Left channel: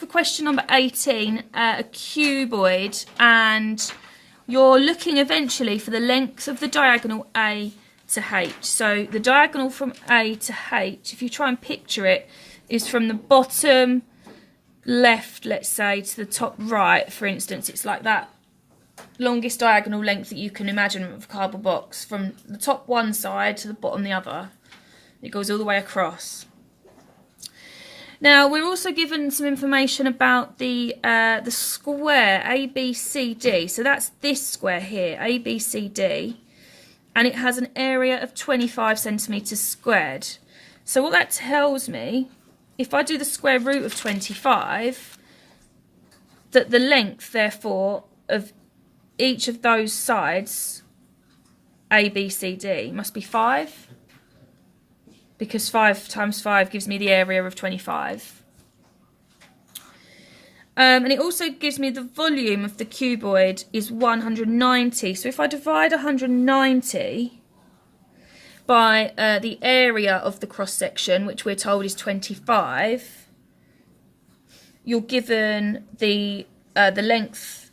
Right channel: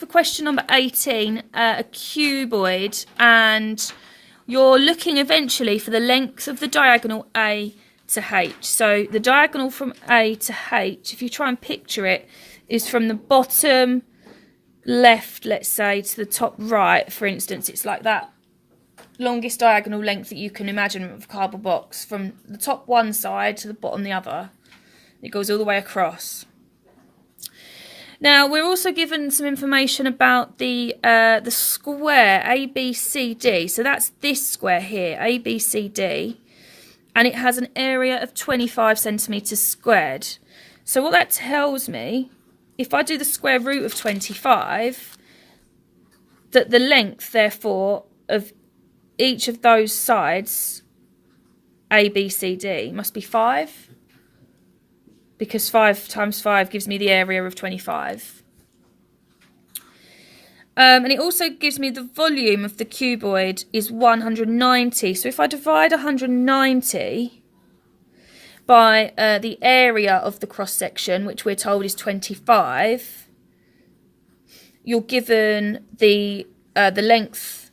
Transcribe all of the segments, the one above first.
for question number 18, a cuboid, and you're looking eventually for the length of the diagonal A to H. So the diagonal from A to H, if you try and picture it, is from the bottom left, let's say, to the top right, for instance. It's like that longest diagonal length that you can imagine of a cardboard box, from the top one side to the bottom the other. It goes all the way across. Now, we're also given some information about the square ABCD. So that's this square here, ABCD, and it has an area of 25 centimetres squared. So what that tells me, if I do the square root of 25, that the length, therefore, of each of those sides, ABCD, must be 5. Because 5 times 5 gives me the area of 25. And it also gives me the volume of the cuboid is 190. So if I divide 190 by the area of the cross-section, which we're told is 25, you're given the length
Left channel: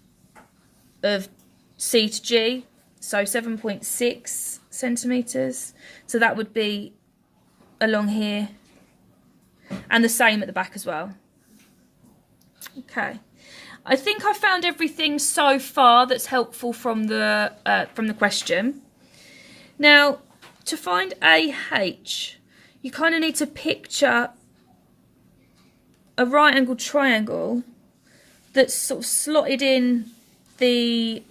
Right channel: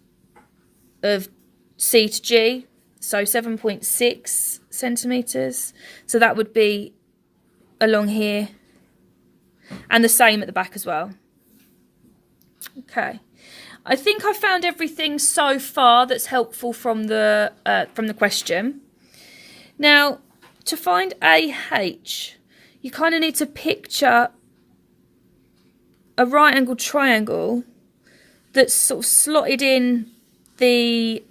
of C to G, so 7.6 centimetres. So that would be along here, and the same at the back as well. Okay, I think I found everything so far that's helpful from the question. Now, to find AH, you kind of need to picture a right angled triangle that's sort of slotted in the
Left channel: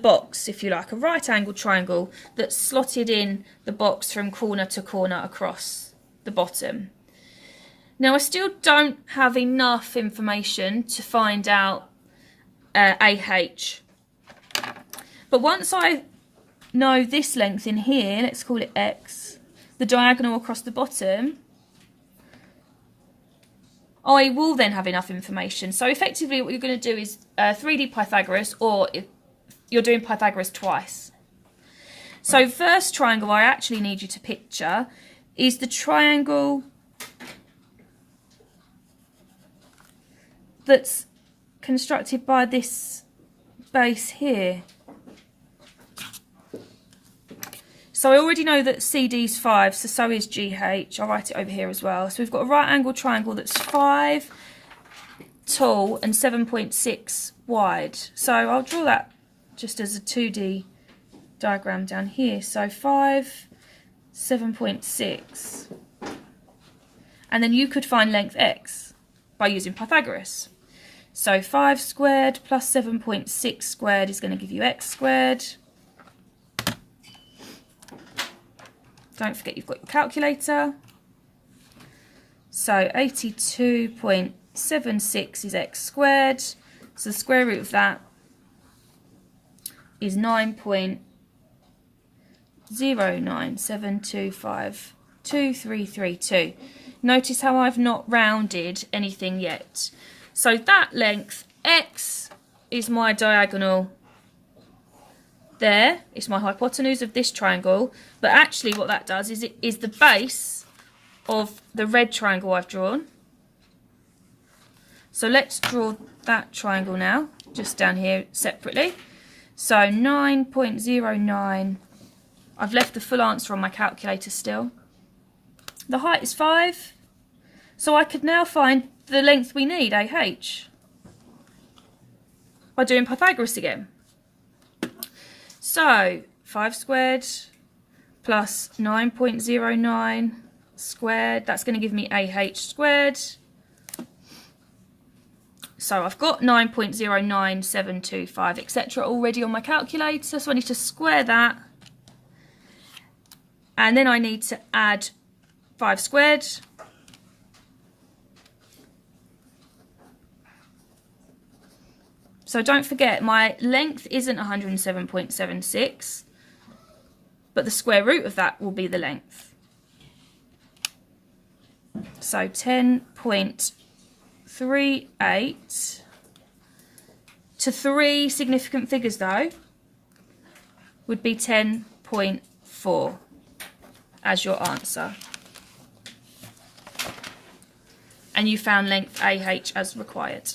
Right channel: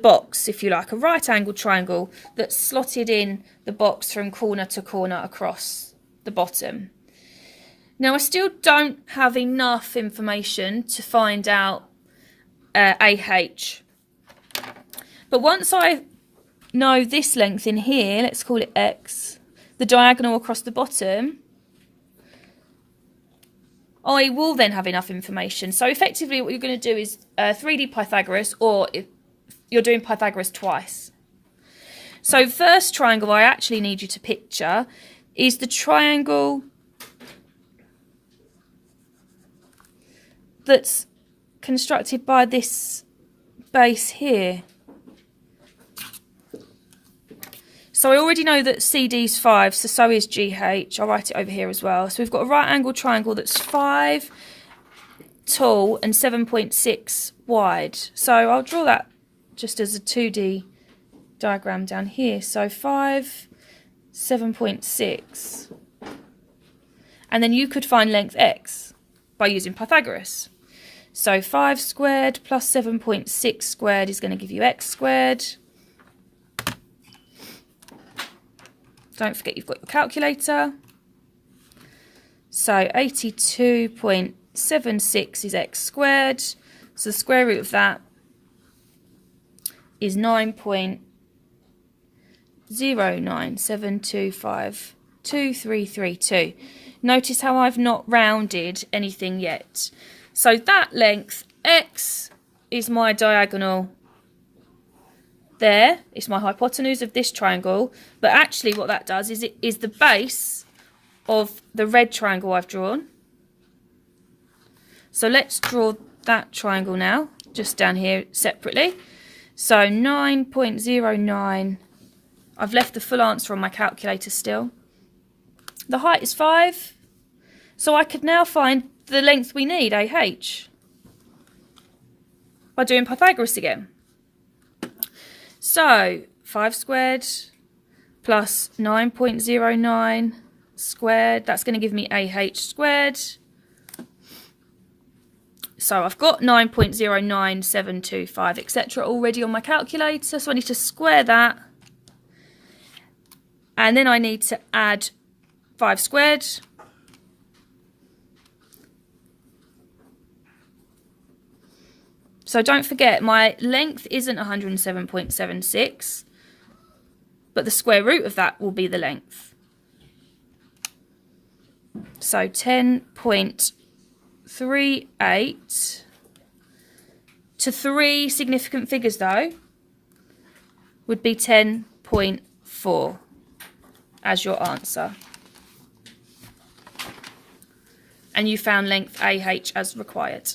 box, if you like, a right angled triangle that's slotted in the box from corner to corner across the bottom. Now, I still don't have enough information to find out AH, but once I know this length in here, let's call it X, the diagonal across the bottom, I will then have enough information. So effectively what you're going to do is 3D Pythagoras, or if you're doing Pythagoras twice. So first triangle I actually need you to picture is the triangle that's constructed by this base here. So I already know that CD is 5, so is GH. I'll write it over here as well. So we've got a right angled triangle that's 5 tall and 7.6 wide. So I'll draw that just as a 2D diagram down here. So 5, 7.6. And then you could find length X by using Pythagoras. So 5 squared plus 7.6 squared is going to give you X squared. Don't forget you've got your calculator. So 82.76 is X squared. So the square root of that is 9.097252332. Notice how I've not rounded anything yet. So that length, X, is my diagonal there. It's my hypotenuse of this triangle. But actually what that does is it is the base of the red triangle I've drawn. So let's draw that triangle now, just down here separately. So 9.09, I've left the full answer on my calculator still. The height is 5, so I could now find the length we need, AH, by doing Pythagoras again. So 5 squared plus 9.09 squared, that's going to give me AH squared. So I've got 9.09725, etc. already on my calculator, so I need to square that. And then I need to add 5 squared. So don't forget, my length isn't 107.76, but the square root of that will be the length. So 10.38 to 3 significant figures though would be 10.4 as your answer. and you found length AH as required.